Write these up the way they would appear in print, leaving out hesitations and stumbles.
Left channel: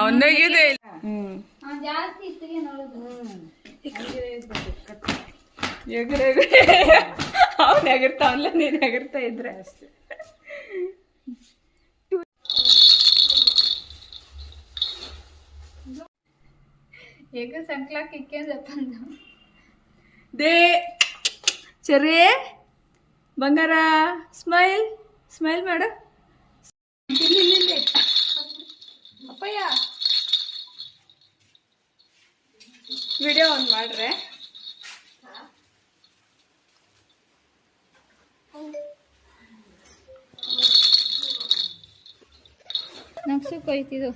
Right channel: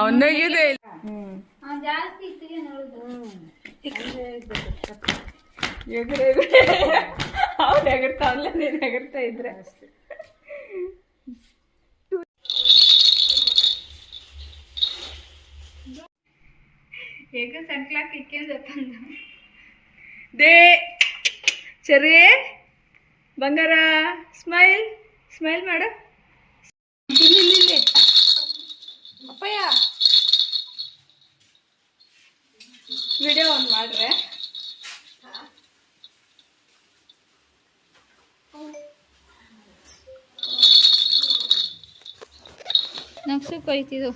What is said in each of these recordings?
ಅವನಾಗಿದೆ ಜಾಸ್ತಿ ಇತ್ತಿಗೆ ನೋಡುದು ಅವ್ನು ಎಗರ್ತಾವಲ್ಲ ನೀನು ಎಗರ್ತಾ ಇದ್ರೆ ಅಷ್ಟೇ. ಈಗ ಸಂಕ್ಲಾಕ್ ಇಕ್ಕೊಂಡಪ್ಪ ದೇ ಸರಿ ಬಂಗಾರ ಸ್ಮೈಲ್ ಸ್ಮೈಲ್ ಮಾಡು. ಇಲ್ಲಿ ಅಪ್ಪಯ್ಯ ವಿಡಿಯೋ ಆನ್ ಮಾಡ್ರೆ ನಕ್ಸಕ್ಕೆ ಹೋಯ್ತಿದ್ದು.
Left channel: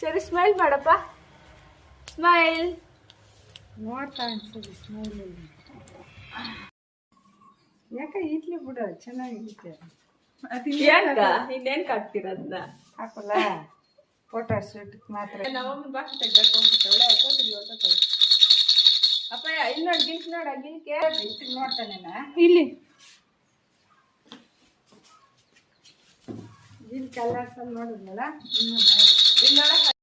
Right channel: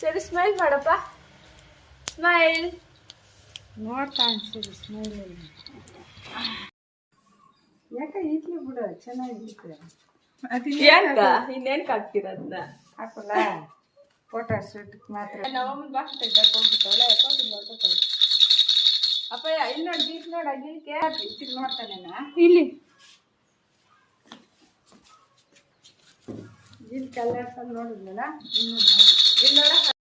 ಸರಿ ಸ್ಮೈಲ್ ಮಾಡಪ್ಪ ಸ್ಮೈಲ್. ನೋಡ್ತಾ ಅನ್ಸಿದ್ರು ಸ್ಮೈಲ್ ಯಾಕೆ ಇಡ್ಲಿ ಬಿಡು ಚೆನ್ನಾಗಿರುತ್ತೆ. ಯಾಕ ಇನ್ನೇನ್ ಹಾಕ್ತಿರೋದ್ನ ಹಾಕಲ್ಲ ಫೋಟೋ ಶೂಟ್ ಮಾತ್ರ. ನಮ್ಮಮ್ಮನ ಬಾಕಿ ತೆಗ್ದಾಕೊಂಡ್ಬಿಟ್ಟವಳೆ ಯಾಕೋತಿದ್ ನೋಡ್ಕೊತಾಳೆ. ಅಪ್ಪಯ್ಯ ಇಲ್ಲಿ ನೋಡಿ ಗಿಲ್ಕ್ ನೋಡ ಗಿಲ್ಕೆ ಇಟ್ಟಿಗೆ ನೋಡ್ತಾನೇನ ಇಲ್ಲಿ ಗಿಲ್ ಕಲರ್ಸಲ್ಲಿ ನೋಡಿದ್ನಲ್ಲ ಇನ್ನೂ ನೋಡಿ ಇಲ್ಲಿ ನೋಡ